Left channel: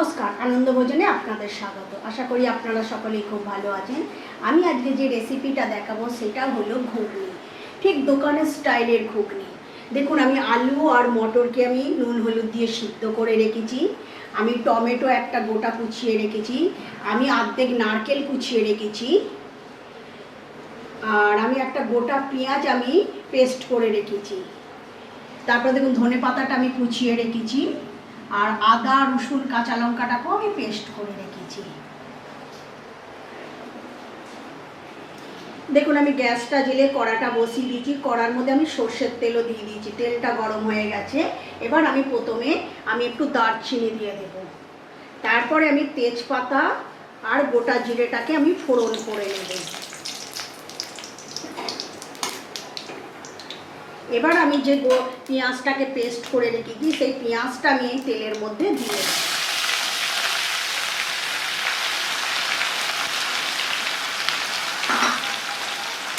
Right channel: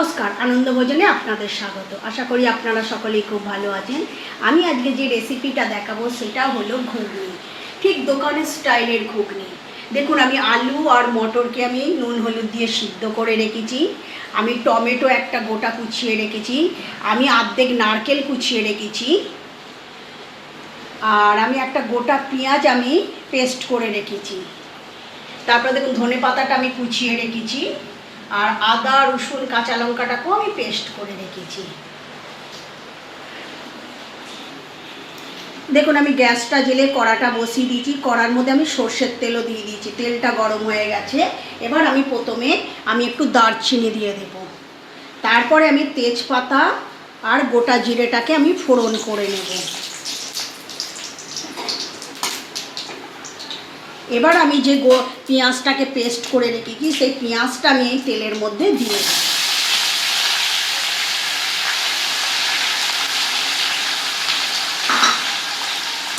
নমস্কার আনন্দ ভোজনে আপনাদের স্বাগত। আশা করি আপনারা সকলেই খুব ভালো আছেন। আমি আজকে যে রেসিপিটা দেখাবো, সেটা হলো ঘুগনি। ঠিক দোকানের স্টাইলের ঘুগনি। দেখুন, আমি আলু আর মটরকে আমি নুন হলুদ দিয়ে সিদ্ধ করে রেখেছি। আমি টমেটো একটা গোটা কুচিয়ে রেখেছি। আমি আর্ধেক নারকেল কুচিয়ে রেখেছি। আর আমি একটা গোটা পেঁয়াজ আমি পেস্ট করে রেখেছি। তারপরে দেখুন ধনে পাতাটা আমি কুচিয়ে রেখেছি। আর আদা, রসুন, কাঁচা লঙ্কাটাকেও আমি পেস্ট করে রেখেছি। দেখুন, আমি গ্যাসটা জেলে কড়াটা বসিয়ে দিয়েছি। কড়ার মধ্যে আমি সর্ষের তেলও দিয়ে দিয়েছি। তেলটা গরম হয়ে গেছে। এবার আমি প্রথমে আমি একটু দারচিনি দিয়ে দেব। তারপরে আমি তেজপাতা আর গোটা জিরেটাকে আমি ফোড়ন করে নেব। এবার আমি যে গো পেঁয়াজটাকে পেস্ট করে রেখেছি, সেই পেঁয়াজটা আমি এই তেলের মধ্যে দিয়ে।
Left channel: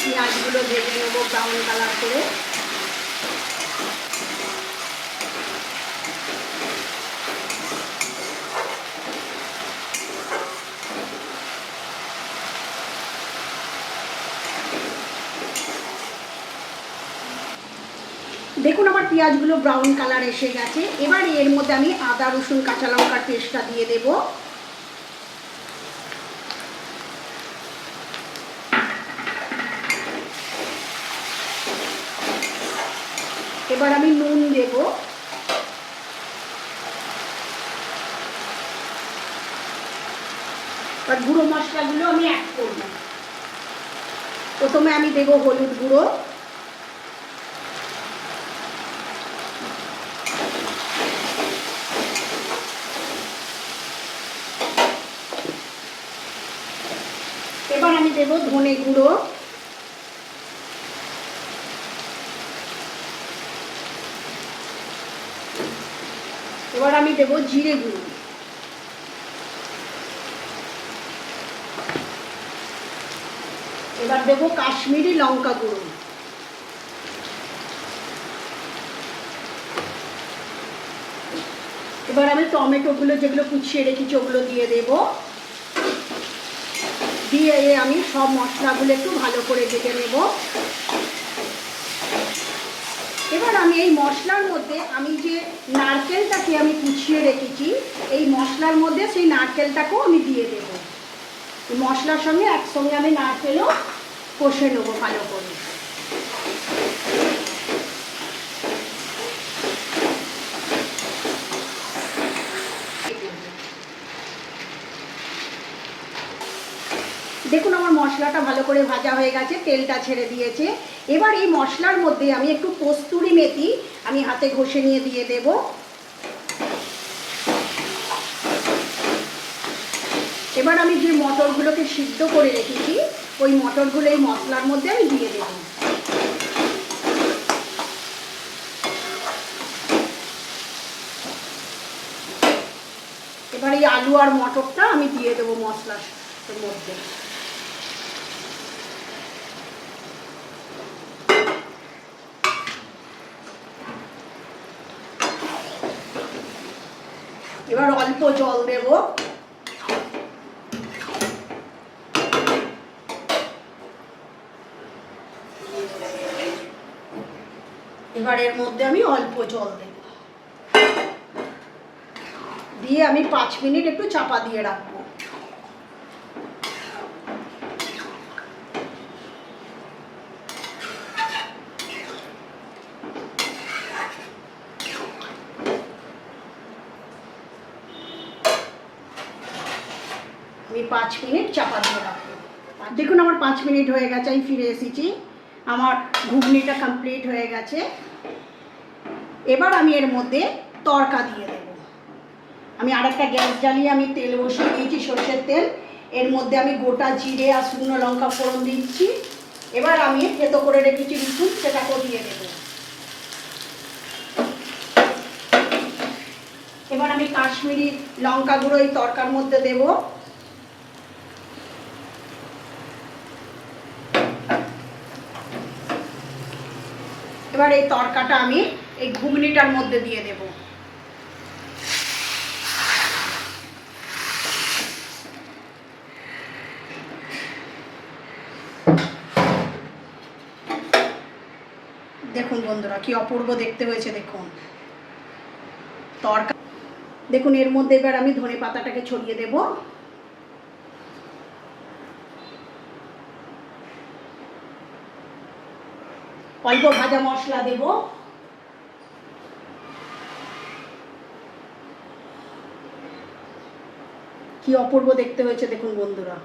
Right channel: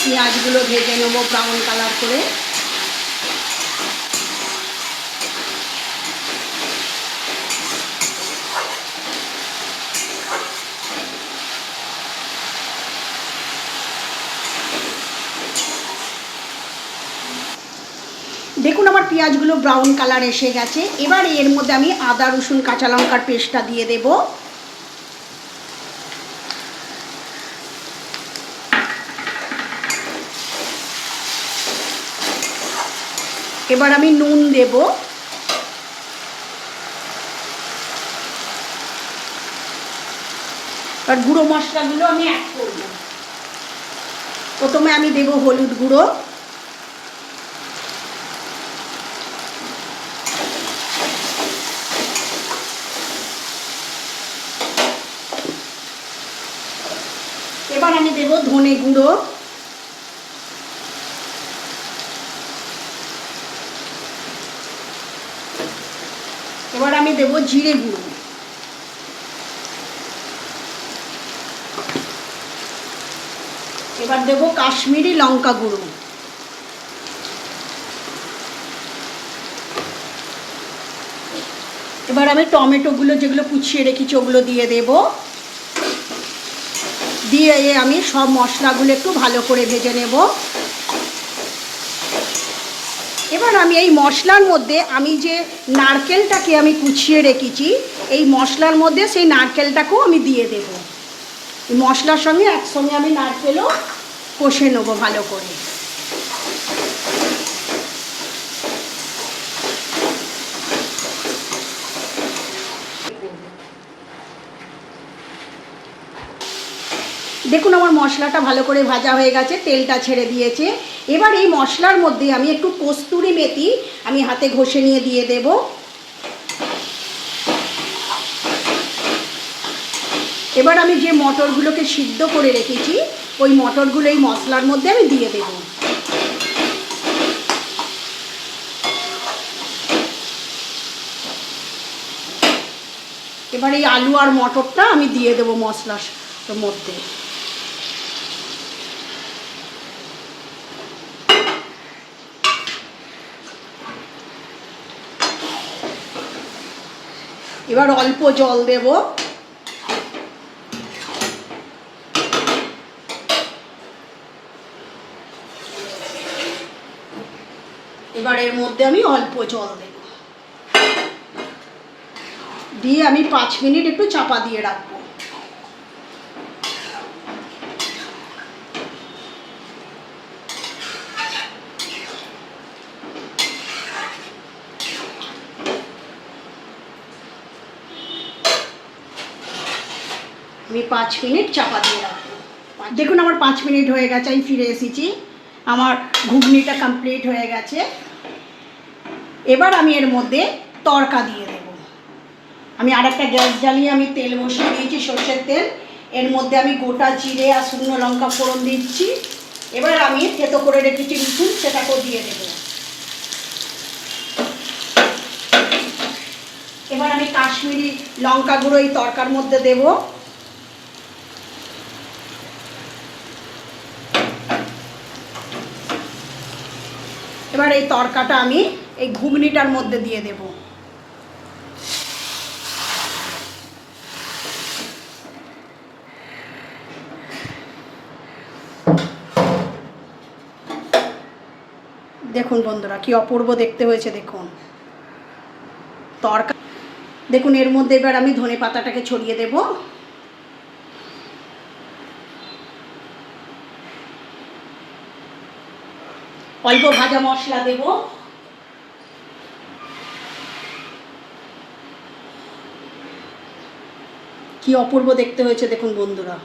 পেঁয়াজগুলো ভেজে নেব ব্রাউন কালার করে দেখুন আমার পেঁয়াজগুলো ব্রাউন কালার এসে গেছে। এবার এর মধ্যে আমি আদা, রসুন, কাঁচা লঙ্কার পেস্টটা দিয়ে দেব। এবার আমি নুন দেব। আর গুঁড়ো মশলাগুলো আমি অ্যাড করব। প্রথমে আমি দেব হলুদ গুঁড়ো এবার আমি দেব ধনে গুঁড়ো। এবার আমি দেব জিরে গুঁড়ো। এবার দেব কাশ্মীরি লঙ্কা গুঁড়ো। এবার আমি টমেটোগুলো যেগুলো কুচিয়ে রেখেছি ওগুলো দিয়ে দেবো। দিয়ে আমি সব মশলাগুলো একটু ভালো করে ভেজে নেব। এবার আমি এই মশলার মধ্যে আমি যে নারকেলটাকে আমি কুচিয়ে রেখেছি, এই মশলার মধ্যে সেই নারকেলটাকেও আমি দিয়ে দেব। মশলার সঙ্গে একসঙ্গে আমি নারকেলও কষে নেব ভালো করে। দেখুন আমার মশলাটা ভালো করে ভাজা হয়ে গেছে, তেলটা ছেড়ে দিয়েছে। এবার এই মশলার মধ্যে আমি একটু কস্তুরি মেথি আমি হাতে ঘষে নিয়ে দিয়ে দেব। এবার আমি যে মটরগুলোকে সিদ্ধ করে রেখেছি, ওই মটরগুলো এই মশলার মধ্যে আমি দিয়ে দেব। এবার এই আলু আর মটরটা আমি দিয়ে দেবো মশলার মধ্যে। এবার অল্প জল দেব। এবার এর মধ্যে আমি অল্প জল দেব। দিয়ে আমি পাঁচ মিনিট একটু চাপা দিয়ে রাখব। আমি পাঁচ মিনিট চাপা দিয়ে রাখব। দেখুন আমার পাঁচ মিনিট হয়ে গেছে, আমি ফিরে এসেছি। আমার ঘুগনিটা কমপ্লিট হয়ে গেছে। এবার আমি এর মধ্যে তড়কা দিয়ে দেব। আমি আর একটা গ্যাস জ্বালিয়ে আমি তেল বসিয়ে দিয়েছি, সর্ষের তেল। এর মধ্যে আমি গোটা জিরে আর শুকনো লঙ্কা ফোড়ন দিচ্ছি। এবার আমি থেতো করে রেখেছি রসুন, সেটাকেও দিয়ে দেবো। এবার আমি কাশ্মীরি লঙ্কা গুঁড়ো এই তরকার মধ্যে দেবো। এবার এই তরকাটা আমি এই ঘুগনিটার মধ্যে দিয়ে দেব। দেখুন বন্ধুরা, কি অপূর্ব দেখতে হয়েছে, দেখুন। তরকা দেখুন, এর মধ্যে এবার আমি ধনে পাতাটাকে ছড়িয়ে দেবো। অল্প ভাজা মশলা দেব। কি অপূর্ব দেখতে হয়েছে দেখুন বন্ধুরা।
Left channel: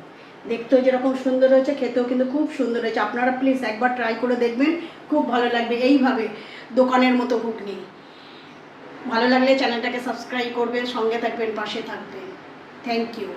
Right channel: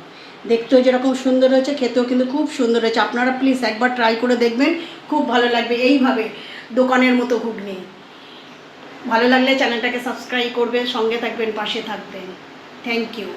দেখতেও যেরকম সুন্দর হয়েছে, খেতেও কিন্তু খুব সুন্দর হয়েছে। আপনারা প্লিজ একবার ট্রাই করে দেখবেন, খুব ভালো লাগবে। এইভাবে দোকানের মতো ঘুগনি। ভালো লাগলে চ্যানেলটাকে সাবস্ক্রাইব করবেন সঙ্গে থাকবেন, পাশে থাকবেন। Thank you